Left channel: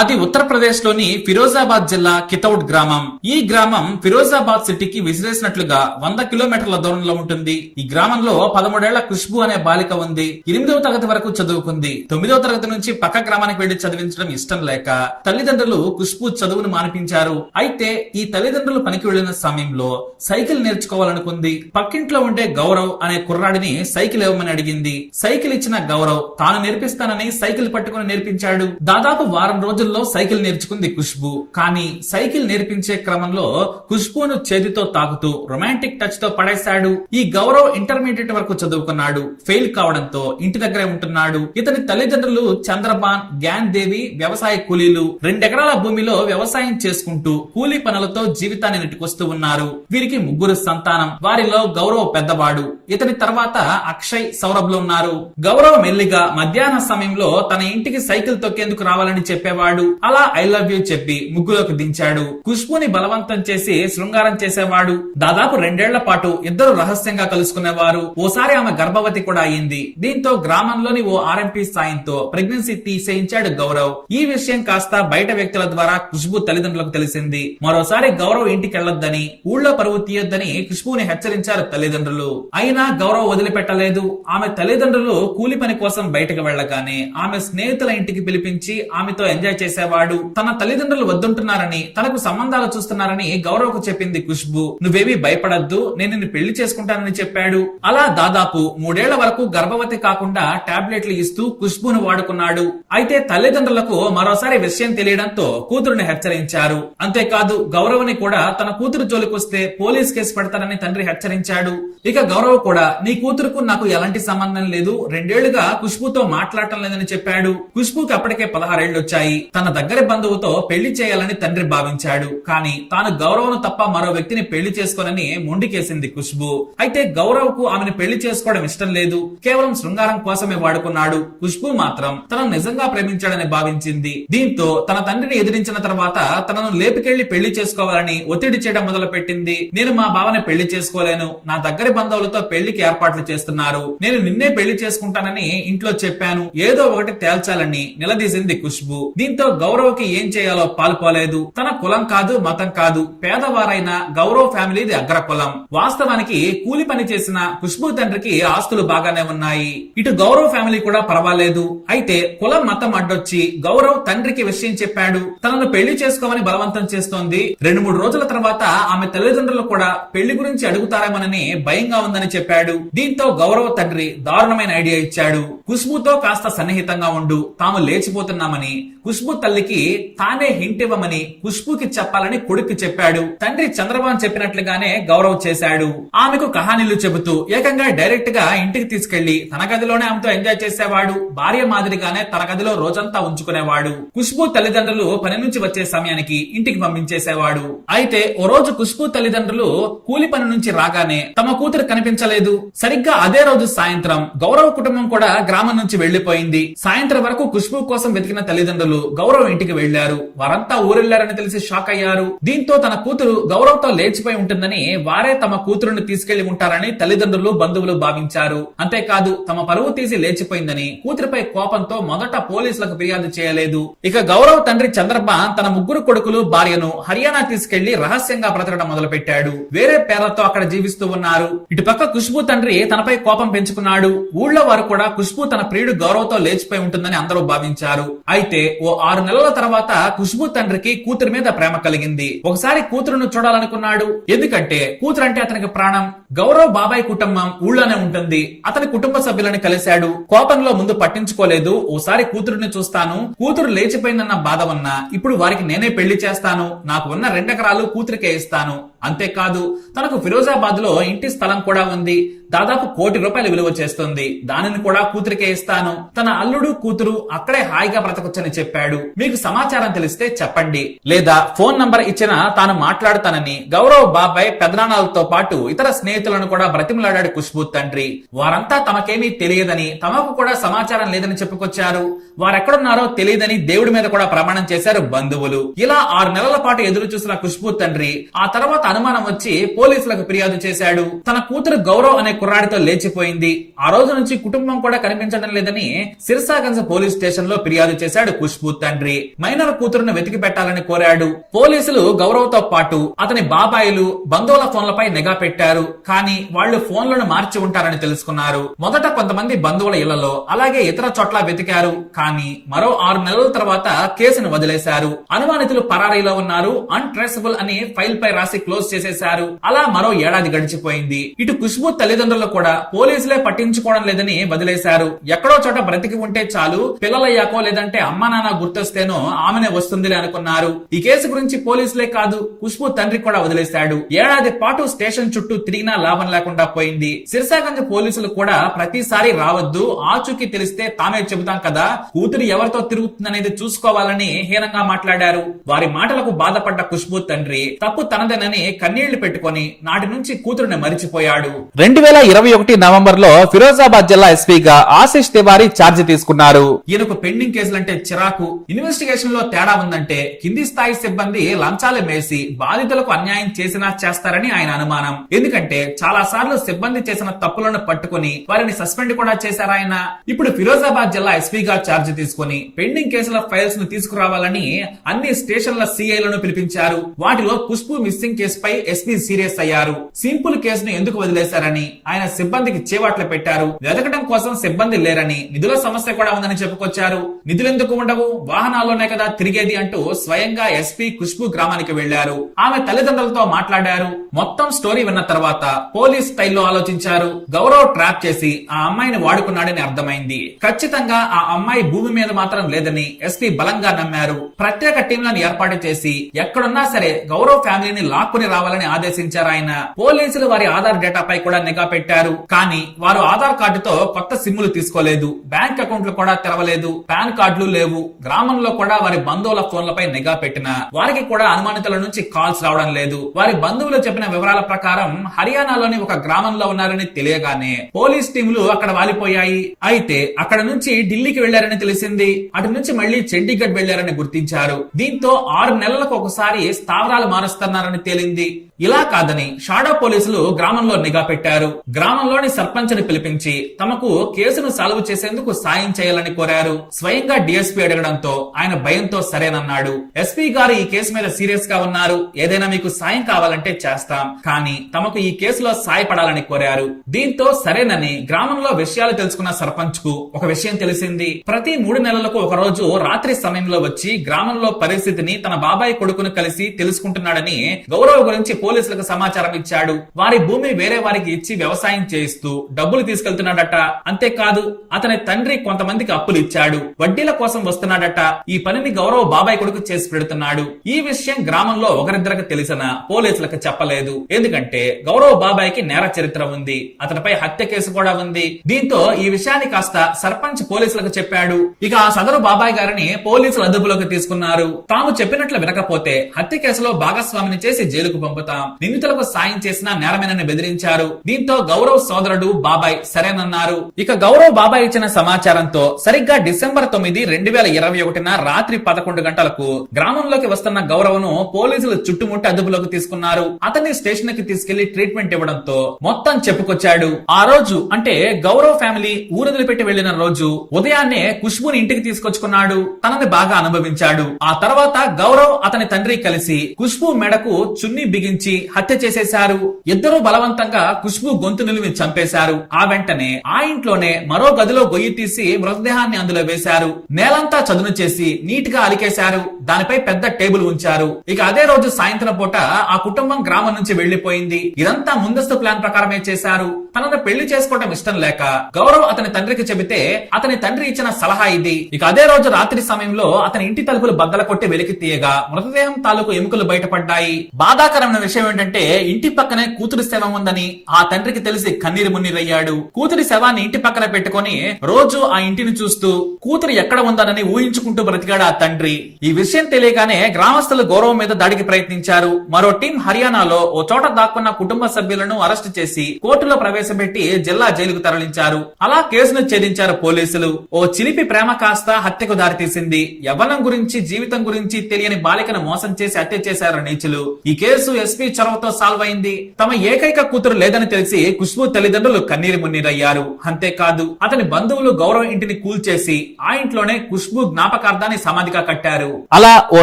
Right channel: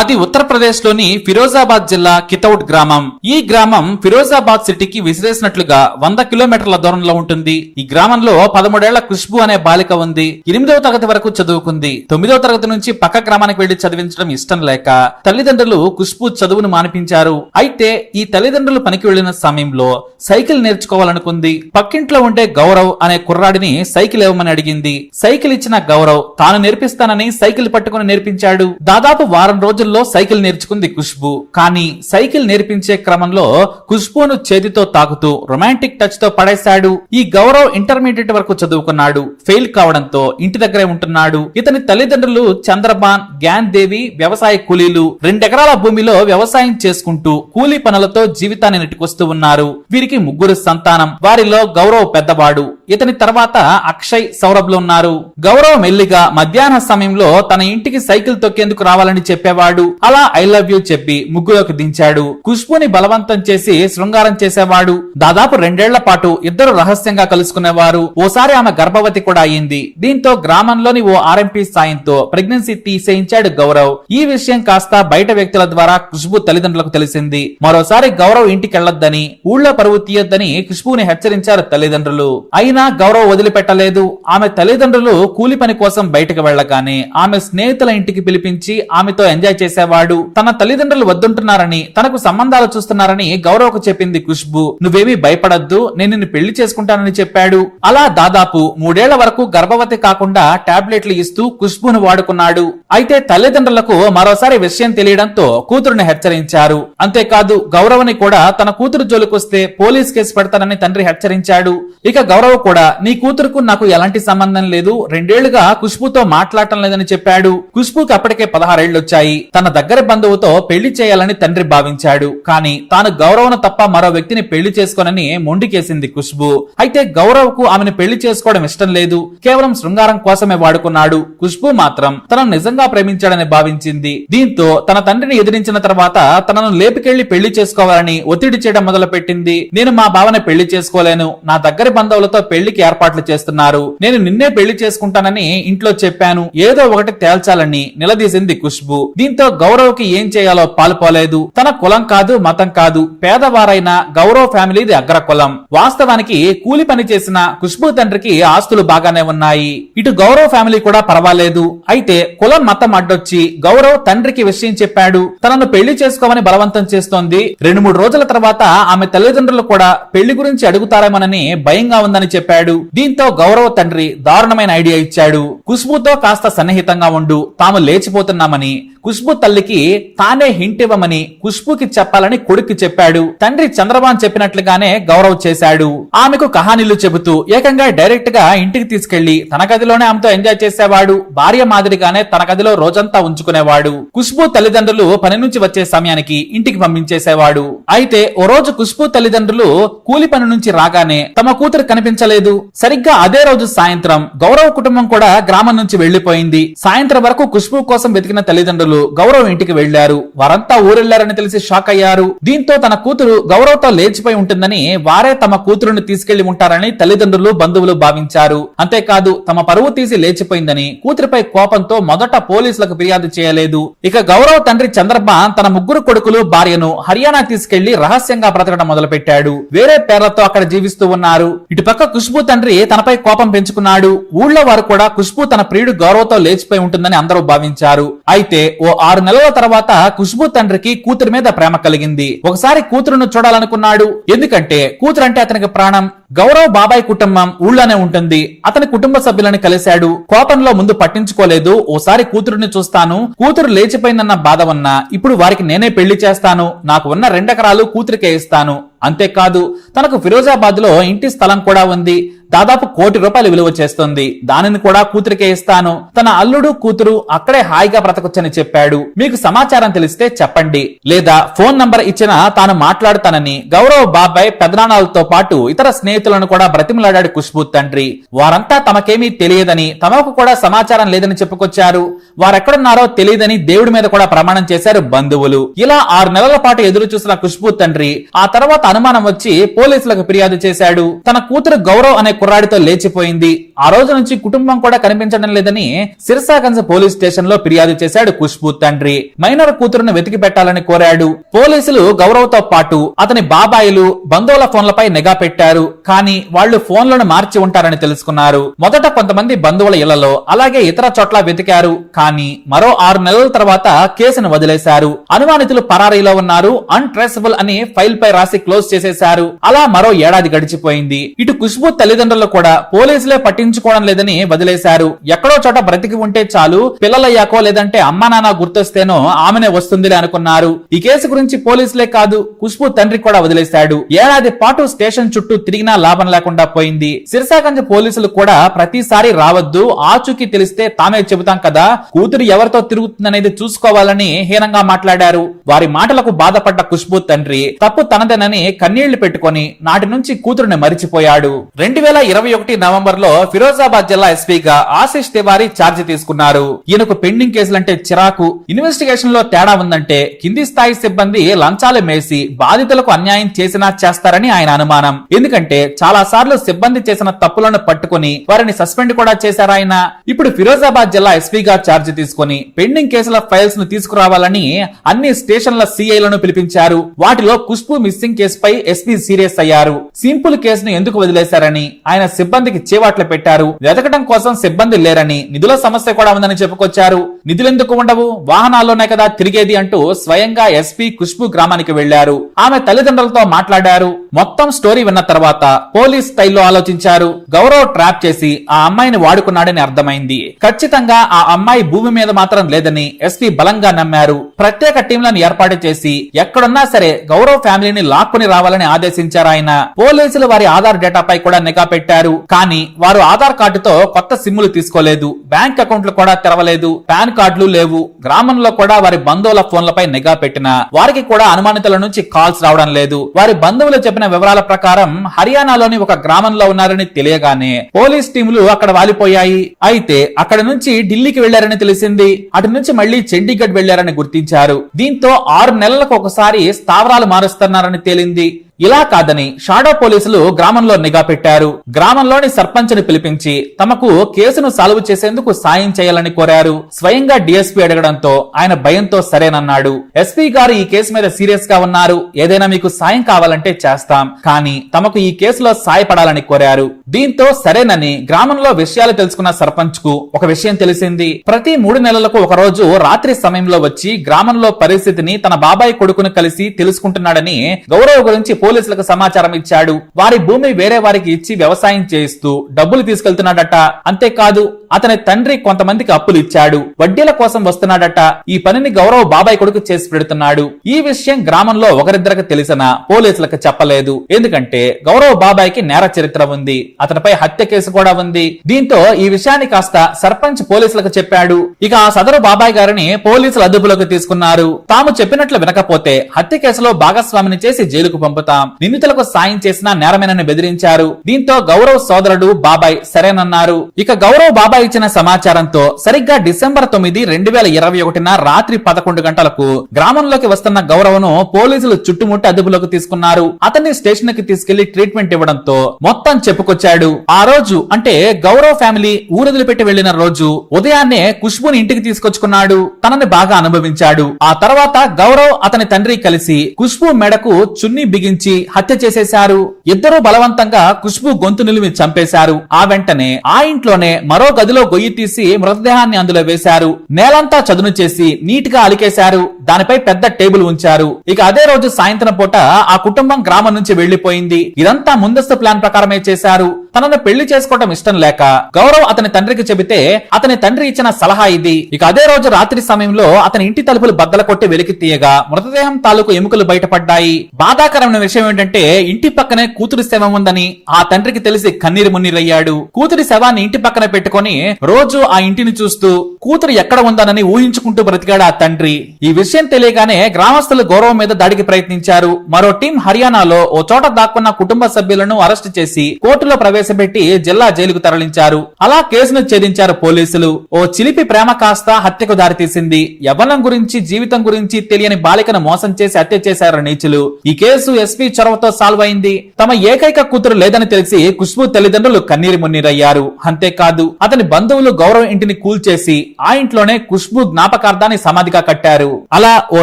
అది ఉత్తరప్రదేశ్లోని ఫిరోజాబాద్ జిల్లా కితౌడ్ గ్రామం. ఈ గ్రామం ఫిరోజాబాద్ సిటీకి విసిరేసినట్లుగా వంద కిలోమీటర్ల దూరంలో ఉంటుంది. ఈ గ్రామంలో పదమూడేళ్ళ ఖుష్బు అనే బాలిక ఉంది. ఎనిమిదవ తరగతి వరకు చదువుకుంది. తొమ్మిదవ తరగతి నుంచి పక్క గ్రామానికి వెళ్ళి చదివించడం ఇష్టం లేక తల్లిదండ్రులు ఖుష్బు చదువును మానిపించారు. అయితే ఈ తల్లిదండ్రులు పనికి వెళ్ళిన సమయంలో సైకిల్ నేర్చుకోవాలనుకుంది. పక్కింట్లో ఉండే గౌరవ్ అనే కుర్రాడిని సైకిల్ ఇవ్వమని అడిగింది. సైకిల్ ఇచ్చిన గౌరవ్ తాను నేర్పిస్తానని సైకిల్ పట్టుకుని నేర్పించాడు. దాదాపు వారం రోజుల్లో సైకిల్ నేర్చుకుంది ఖుష్బు. కానీ సైకిల్ నేర్పించే క్రమంలో ఖుష్బును చేతితో తాకుతూ రొమాంటిక్ టచ్తో పడేశాడు. ఈ గౌరవ్ ఇంటర్మీడియట్ వరకు చదువుకున్నాడు. ఫెయిల్ కావడంతో ఇంటి దగ్గరే ఉంటున్నాడు. ఇతని తల్లిదండ్రులు చంద్రబాన్ గ్యాన్ దేవి వ్యవసాయ కూలీలు రెండెకరాల భూమిలో వ్యవసాయం చేసుకుంటూ కూలీ పనులతో జీవితాన్ని నెట్టుకొస్తూ ఉన్నారు. వీరికి ముగ్గురు సంతానం. వారిలో గౌరవ్ పెద్దవాడు. ఇతని తర్వాత అక్షయ్ సౌరభ్లు ఉన్నారు. గౌరవ్ మెల్లిగా మధ్యాహ్న సమయంలో తన ఇంటికి సైకిల్ తొక్కేందుకు రావాలని చెప్పేవాడు. అలా ఐ లవ్ యూ చెప్పి ముగ్గులోకి దించాడు. ఖుష్బుని బలవంతం చేసి శృంగారం చేసేవాడు. దాదాపు రెండేళ్ళ పాటు ఇద్దరు రహస్యంగా కలుసుకునేవారు. ఓసారి ఆమె గర్భవతి కూడా అయింది. దీంతో గ్రామంలోని ఓ ఆర్ఎంపీ సాయంతో ప్రెగ్నెన్సీ తీసేయించాడు గౌరవ్. ఈ విషయం కాస్త బయట వ్యక్తుల ద్వారా ఖుష్బు తల్లిదండ్రులకు తెలిసింది. మరోసారి గౌరవ్ ఇంటికి వెళ్ళొద్దని ఊళ్ళో పరువు తీయొద్దని ఖుష్బుని హెచ్చరించారు తల్లిదండ్రులు. అయినా గౌరవ్ వదిలిపెట్టలేదు. ఆమె తల్లిదండ్రులు కూలి పని కోసం బయటకు వెళ్ళగానే ఆమె స్నేహితుల ఇంటికి పిలిపించి ఆమెతో ఎంజాయ్ చేసేవాడు. తన తల్లిదండ్రులు వద్దుంటున్నారని తనకు సంబంధాలు చూస్తున్నారని గౌరవ్కు చెప్పింది ఖుష్బు. నువ్వేమీ భయపడద్దు నేను నిన్ను పెళ్ళి చేసుకుంటానని చెప్పాడు. అలా దాదాపు మూడేళ్ళ వరకు గర్భవతి కాకుండా టాబ్లెట్లు ఇస్తూ ఖుష్బును వాడుకున్నాడు. అయితే తల్లిదండ్రులకు మరోసారి విషయం తెలియడంతో కూతురుని హెచ్చరించారు. అంతేకాదు గౌరవని కూడా తన కూతురు జోలికొస్తే పోలీస్ కేసు పెడతానని తండ్రి హెచ్చరించాడు. ఇక గౌరవ్ కూడా నీ కూతురుకు నాకు ఎలాంటి సంబంధం లేదు రెండేళ్ళుగా ఖుష్బుతో మాట్లాడటం లేదని చెప్పాడు. ఖుష్బుకి అప్పటికే పదహారేళ్ళు వచ్చాయి తన దగ్గరి బంధువుతో పెళ్ళి చేయాలని తండ్రి భావించాడు. కానీ తాను గౌరవను తప్ప మరో వ్యక్తిని పెళ్ళి చేసుకోనని మొండికేసింది ఖుష్బు. అయితే గౌరవ్కు ఆమెను పెళ్ళి చేసుకోవడం ఇష్టం లేదు. కేవలం శృంగారం కోసమే వాడుకున్నాడు. ఖుష్బు మాత్రం తనను నిజంగా ప్రేమించాడని భావించింది. దీంతో తన తండ్రిని ఎదిరించిన తర్వాత తనను లేపికెళ్ళి పెళ్ళి చేసుకోవాలని ఒత్తిడి చేయడం మొదలుపెట్టింది. నేను మా బావని పెళ్ళి చేసుకోలేను. నా దగ్గరి బంధువులతో పెళ్ళికి ఏర్పాట్లు చేస్తున్నారు. నేను నిన్నే పెళ్ళి చేసుకుంటానని ఇంట్లో చెప్పాను. ఏదో ఒకటి తేల్చాలని నిలదీసింది ఖుష్బు. దీంతో దీంతో గౌరవ్కి ఏం చేయాలో పాల్పోలేదు. తన కులం కాదు మతం కాదు. పేదవారైన గౌరవ్ ఫ్యామిలీది అగ్ర కులం వాస్తవానికి కూలి పని చేసిన ఖుష్బు తండ్రికి ఆస్తులు బాగానే ఉన్నాయి. ఇటు గౌరవ్ ఫ్యామిలీ కూడా పర్వాలేదు. అయితే కులం మతం అడ్డొచ్చి గౌరవ్ తండ్రికి విషయం చెప్పాడు. తనను పెళ్ళి చేసుకోమని బలవంతం చేస్తోంది. రెండు మూడు రోజుల తర్వాత ఆమె తల్లిదండ్రులు కూడా పెళ్ళి గురించి అడుగుతారేమోనని భయంగా ఉందని చెప్పాడు. దీంతో గౌరవ్ తండ్రి దారుణమైన ఐడియా ఇచ్చాడు. ఖుష్బుతో కాస్త సన్నిహితంగా ఉండు. తాము లేచిపోతున్నామని. ఖుష్బు తల్లికి తానే హింట్ ఇవ్వమని ఖుష్బుకి చెప్పాలని కొడుకు చెప్పాడు. తండ్రి చంద్రబాన్ చెప్పినట్లుగానే గౌరవ్ చేశాడు. ఆమెకు కహానీలు చెబుతూ ఏకంగా డైరెక్ట్గా ఇంటికి తీసుకెళ్ళి తన గదిలోనే ఆమెతో ఎంజాయ్ చేసేవాడు. భార్య మాదిరిగానే తన గదిలో రోజంతా ఉంచుకునేవాడు. ఖుష్బు తల్లిదండ్రులు పని నుంచి వచ్చే సమయానికి ఇంటికి పంపించేసేవాడు. అయితే ఓ రోజు ఖుష్బు తల్లిదండ్రులు కూలి పని నుంచి రాగానే తమ కూతురు కనిపించలేదు. సరిగ్గా అదే రోజు సాయంత్రం గౌరవ్ కుటుంబం కూడా గ్రామం నుంచి వెళ్ళిపోయింది సాయంత్రం వరకు ఖుష్బు కోసం వెతికిన తల్లిదండ్రులు గౌరవ్ ఇంటికి వెళ్ళారు వారంతా ఊరెళ్ళారని తెలిసి షాక్ అయ్యారు. దీంతో తన కూతురు గౌరవ్తో లేచిపోయి ఉంటుందని వారే తమ కూతురుని తీసుకెళ్ళి ఉంటారని తల్లిదండ్రులు బంధువులు భావించారు. అంతేకాదు తమ పరువు తీసి లేచిపోయిందని కూతురిపై కోపంతో మొదట పోలీసులకు ఫిర్యాదు చేయలేదు. ఇక గౌరవ్ తండ్రి చంద్రబ తన ముగ్గురు కొడుకులు భార్యను హర్యానా తీసుకెళ్ళి రహస్యంగా బ్రతకడం మొదలుపెట్టాడు. వేరే పేర్లతో అక్కడ జీవిస్తూ ఉన్నారు. ఇటుపక్క ఖుష్బు తండ్రి తనపై కోపం పెంచుకున్నాడు. ఊళ్ళో వారు కూడా ఖుష్బు తన ప్రియుడు గౌరవ్తో లేచిపోయి ఉంటుందని అందరూ భావించారు. అయితే ఓ ఆరు నెలల తర్వాత ఖుష్బు తండ్రికి కూతురు మీద ప్రేమ కలిగింది. ఒకసారి కూతురును చూడాలనుకున్నాడు. ఎందుకంటే కూతురు అంటే అతనికి ప్రాణం. గౌరవ్ బాబాయ్ కుటుంబం ఊళ్ళోనే ఉంటుంది. అతని కుటుంబ సభ్యులను కలిశాడు. కోపంలో ముందు పట్టించుకోలేదు. ఓసారి కూతురుని చూస్తాను. కూతురు లేచిపోయిందన్న బాధ ఉన్నా ఇప్పుడు వారికి నేనే పెళ్ళి చేస్తాను. నాకు ఉన్న రెండెకరాలు కూతురికే ఇస్తాను. అంతేకాదు తనకు ఫిరోజాబాద్లో ఇంటి స్థలం కూడా ఉంది. దాదాపు కోటి రూపాయలు విలువ చేస్తుంది. దానిని కూడా కూతురికే ఇస్తాను. తన అల్లుడు కూతురు అక్కడే హాయిగా బ్రతకొచ్చని చెప్పాడు. మీకు సమాచారం తెలిస్తే చెప్పండి. లేదా ఫోన్ నంబర్ ఇచ్చిన తాను మాట్లాడుతానని గౌరవ్ బాబాయ్ పెదనానాలతో పాటు ఇతర స్నేహితులను కూడా బ్రతిమలాడాడు ఖుష్బు తండ్రి. వారంతా తమకేమీ తెలియదని తమకు కూడా సమాచారం లేదని చెప్పుకొచ్చారు. వారెక్కడున్నారో తెలియదని దేవుడి మీద కూడా ప్రమాణం చేశారు బంధువులు. ఇలా ఆరు నెలల పాటు ఎదురు చూసిన ఖుష్బు తండ్రి ఆ తర్వాత అనుమానం వచ్చి పోలీసులకు ఫిర్యాదు చేశాడు. తన కూతురు గౌరవ్ అనే కుర్రాడితో లేచిపోయింది. ఆ రోజు నుంచి కుటుంబం కూడా కనిపించడం లేదని సిరసాగంజ్ పోలీస్ స్టేషన్లో ఫిర్యాదు చేశాడు ఖుష్బు తండ్రి. మైనర్ కూతురును వెతికి పెట్టాలని కోరాడు. పోలీసులు గౌరవ్తో పాటు అతని బాబాయిలు బంధువుల ఫోన్లపై నిఘా పెట్టారు. కానీ వాళ్ళు ఫోన్లను మార్చి ఉంటారని తెలుసుకున్నారు. మొదట కొంతమంది బంధువుల ఇళ్ళలో అలాగే ఇతర చోట్ల వెతికారు. కానీ మరో ఆరు నెలల తర్వాత కేసును వదిలేశారు. అనుమానితులు పరారీలో ఉన్నారు. అన్ట్రేసబుల్ అని ఫైల్ పై రాసి క్లోజ్ చేసేశారు. అలా మరో ఏడాది గడిచిపోయింది. ఇటు ఖుష్బు తల్లిదండ్రులు కూడా పోలీసులే పట్టించుకోవడం లేదని వదిలేశారు. ఎక్కడో చోట బ్రతికి ఉంటే చాలు పిల్లలయ్యాకో లేదంటే అమ్మా నాన్న గుర్తొస్తేనో ఆమెనే వస్తుందిలే అనుకున్నారు. ఈ కేసు గురించి పోలీసులే కాదు ఖుష్బు తండ్రి కూడా వదిలేశాడు. ఏడాది పాటు స్టేషన్ చుట్టూ తిరిగినా లాభం లేకుండా పోయింది. సిరసాగంజ్ పోలీసులు కూడా ప్రతిసారి రావద్దు ఆచూకీ తెలిస్తే తామే చెబుతాం కదా కూతురు ఎవరితో తిరుగుతుందనేది చూసుకోవాలని హీనంగా మాట్లాడారు. వారి మాటలకు బాధపడ్డ ఖుష్బు తండ్రి తప్పు తనదేనని కన్నీళ్ళు పెట్టుకొని నాటి నుంచి కూతురుని మరిచిపోయాడు. రెండు వేల ఇరవై ఒకటి నవంబర్లో ఫిరోజాబాద్ జిల్లా ఎస్పీగా ఆశిష్ తివారీ ఛార్జ్ తీసుకున్నారు. ఈయనకు పెండింగ్ కేసులంటే చిరాకు. ఇన్వెస్టిగేషన్లో తేడా ఉందంటే కింది స్థాయి సిబ్బంది లంచాలు మేసి బాధితులకు అన్యాయం చేసినా చేస్తారని ఆయన అనుమానం. ఎందుకంటే చాలా సార్లు సిబ్బంది చేసిన తప్పులను పట్టుకొని వారిని సస్పెండ్ కూడా చేశారాయన ఇప్పుడు ఫిరోజాబాద్ జిల్లా ఎస్పీగా ఛార్జ్ తీసుకొని పెండింగ్ కేసుల ఫైల్స్ను తీసుకురావాలని అన్ని స్టేషన్ల సిఐలను పిలిపించారు. వాటిలో ఖుష్బు మిస్సింగ్ కేసుపై ఎస్పీ సీరియస్ అయ్యారు. సింపుల్ కేసును ఎందుకు వదిలేశారని ఆయన సిబ్బందికి చేవాట్లు పెట్టారు. వెతకడం కోసం సిబ్బంది లేరని నిధుల సమస్య కూడా ఉందని చెప్పుకొచ్చారు. నిధులెందుకు ఉండవు? వాహనాల్లోనే కదా తిరిగేది అంటూ స్వయంగా ఎస్పీ ఖుష్బు గ్రామానికి వెళ్ళారు ఆమె తల్లిదండ్రులతో మాట్లాడారు. మొత్తం స్టోరీ విన్న తర్వాత పోలీస్ స్టైల్లో ఆలోచించారు. గౌరవ్ ట్రాప్ చేసి ఆ అమ్మాయిని వాడుకున్నాడని అర్థమైంది. ఖచ్చితంగా ఆ అమ్మాయి భూమి మీద మాత్రం లేదని ఎస్పీ బలంగా నమ్మారు. ప్రత్యేక టీంలను ఏర్పాటు చేసి ఎక్కడున్నా సరే గౌరవ్ ఫ్యామిలీని లాక్కుని రావాలని ఆదేశించారు ఆయన. పోలీసులు వారి ఆధార్ డేటాపై కూడా నిఘా పెట్టారు. కానీ వారు ఆధార్ కార్డుతో కొత్త సిమ్లు తీసుకోలేదు. బ్యాంక్ అకౌంట్లు కూడా తెరవలేదు. పాన్ కార్డులు లేవు. గ్రామంలో కూడా వారి బంధువుల ఫోన్లపై నిఘా పెట్టిన. వారికి కూడా అనుమానితుల నుంచి కాల్స్ రావడం లేదు. వారి బంధువులు చెప్పిన వివరాల ప్రకారం హర్యానాలోని ఒక గ్రామంలో ఉన్నారని తెలియగానే పోలీస్ టీములు అక్కడ వాలిపోయాయి. అయితే అక్కడ నుంచి ఢిల్లీకి వెళ్ళారని తెలిసింది. అటు నుంచి మళ్ళీ చండీగఢ్ వెళ్ళారని గుర్తించారు. దీంతో ఆరు నెలలకు ఒకసారి స్థావరాలు మారుస్తున్నారని తేలింది. ఇలా కాదని షాడో పోలీసులు గ్రామంలో నిఘా పెట్టారు. గ్రామంలోని సర్పంచ్ని పిలిపించి తమకు కేసును సాల్వ్ చేసేందుకు సాయం చేయాలని కోరారు. స్వయంగా డిఎస్పీ అడగడంతో ఆయన భయంతో సరేనన్నాడు. ఎస్పీ గారు ఈ కేసు మీద సీరియస్గా ఉన్నారు. ఏదైనా మీకు సాయం కావాలంటే చేస్తాం. కానీ తమకు ఈ కేసులో సాయపడాలని కోరారు. దీంతో సరేనని గ్రామంలో విషయాలు తెలుసుకున్న సర్పంచ్కు ఒక విషయం తెలిసింది. ప్రతి మూడు నెలలకు ఒక రోజు రాత్రి సమయంలో వచ్చి గ్రామంలో పరిస్థితిని తన బాబాయ్ కొడుకును కలిసి తెలుసుకుంటున్నాడని గౌరవ్ గురించి పోలీసులకు సమాచారం ఇచ్చాడు. వారి భూమి వేరే వారికి ఇచ్చి వ్యవసాయం చేయిస్తూ డబ్బులు తీసుకెళ్తున్నాడట. అంతేకాదు అతని తండ్రి కొంతమందికి అప్పులు ఇచ్చాడు. వడ్డీల కోసం వస్తున్నాడట. ఈ పనిని గౌరవ్ బాబాయ్ కొడుకు చేసి పెడుతున్నాడు. ఈ విషయం గ్రామంలో ఒకరిద్దరికి తెలిసిన పోలీసులకు చెప్పలేదు. ఎందుకంటే గౌరవ్ బాబాయ్కి నేర చరిత్ర ఉంది. అతనిపై హత్య కేసు కూడా ఉంది. దీంతో ఈ విషయాన్ని కాస్త సర్పంచ్ పోలీసులకు చెప్పాడు. ఇక ఆ సదరు బాబాయ్ గారిని పోలీసులు అదుపులోకి తీసుకున్నారు. తాము చెప్పినట్లు వినకపోతే హత్య కేసులో భాగస్వామిని చేసి జైలుకు పంపుతాం నిందితులకు సాయం చేసిన నేరమేనని బెదిరించారు. దీంతో గౌరవ్ సోదరుడు బాబాయ్ సరేనన్నారు. ఇక గౌరవ్ బాబాయ్ ఇచ్చిన సమాచారంతో సరిగ్గా డిసెంబర్ తొమ్మిది రెండు వేల ఇరవై ఒకటిన రాత్రి పదకొండు గంటలకు గ్రామంలోకి వస్తున్న గౌరవ్ను పోలీసులు చుట్టుముట్టి అదుపులోకి తీసుకున్నారు. అతన్ని స్టేషన్కి తీసుకెళ్ళి ట్రీట్మెంట్ ఇవ్వడంతో మొత్తం చెప్పుకొచ్చాడు. ఆ రోజు అంటే గౌరవ్ ఫ్యామిలీ ఊరదిలిపెట్టి వెళ్ళిన రోజు ఉదయాన్నే ఖుష్బుని ఇంటికి తీసుకొచ్చుకున్నాడు. తనని బాగా అనుభవించాడు. ఆ తర్వాత గౌరవ్ అతని తండ్రి కలిసి ఖుష్బు మెడకు చున్నీ బిగించి హత్య చేసేశారు. ఇద్దరు బలవంతంగా ఖుష్బు గొంతు నిలిమి చంపేశారు. ఆ వెంటనే ఆ ఇంట్లోనే మరో గదిలో గొయ్యి తీసి మృతదేహాన్ని అందులో వేశారు. నేలంతా చదును చేసి నీట్గా అలికేశారు. దానిపై పెద్ద టేబుల్ ఉంచారు. ఇక అదే రోజు సాయంత్రం పూట ఆ కుటుంబం గ్రామం నుంచి వెళ్ళిపోయింది ఇదంతా ముందస్తు ప్లాన్ ప్రకారమే చేశారు. తనను పెళ్ళి చేసుకోవటం ఇష్టం లేక గౌరవ్ అతని తండ్రికి చెబితే అతని తండ్రి ఇచ్చిన సలహా ఇది. ఇక అదే రోజు రాత్రి సమయంలో అతని ఇంటి తలుపులు బద్దల కొట్టి వెలికి తీయగా మృతదేహం తాలూకు ఎముకలు బయటపడ్డాయి. బాధాకరమైన విషయం ఏంటంటే ఇంటి పక్కనే కూతురి శవం ఉందని ఆ తండ్రికి తెలిసి కన్నీరు మున్నీరయ్యాడు. కూతురి శవాన్ని ఇంటి పక్కన పెట్టుకొని రోజు ఆ ఇంటిని చూస్తూ కూతురు ఎక్కడ ఉందనని ఊహించుకుంటూ బ్రతికాడు ఆ తండ్రి? ఈ విషయం విషయం తెలియగానే గ్రామస్తులు గౌరవం మీద దాడికి ప్రయత్నించారు. మరో టీం హర్యానాలో ఓ చోట దాక్కున్న కుటుంబ సభ్యులను అరెస్ట్ చేసి కోర్టులో ప్రవేశపెట్టి జిల్లా జైలుకు తరలించారు. అలా కేసును ఛేదించారు పోలీసులు. ఓ చిలిపి ప్రేమ కాస్త హత్యకు దారితీసింది. యవ్వనం గురించి జీవితం గురించి తెలియని బాలికను మోసం చేసి హత్య చేశారు నీచులు. ఈ కేసు ఎస్పీ చొరవతో సాల్వ్ అయింది. తమ ఏకైక కూతురు లేదని తెలిసి ఖుష్బు తల్లిదండ్రులు కన్నీరు మున్నీరయ్యారు. అంతేకాదు అతని బంధువులు గౌరవం ఇంటిని కూల్చేసి ఆ ఇంట్లోనే ఖుష్బు జ్ఞాపకార్థాన్ని సమాధిగా కట్టారు. అలా ఓ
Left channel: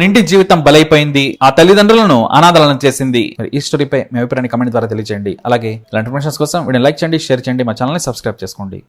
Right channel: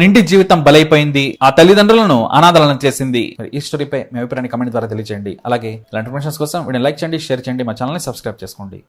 నిండి జీవితం బలైపోయింది. ఆ తల్లిదండ్రులను అనాథాలను చేసింది. మరి ఈ స్టోరీపై మీ అభిప్రాయాన్ని కమెంట్ ద్వారా తెలియజేయండి అలాగే ఇలాంటి ఇన్ఫర్మేషన్స్ కోసం వీడియో లైక్ చేయండి షేర్ చేయండి మా ఛానల్ని సబ్స్క్రైబ్ చేసుకోండి.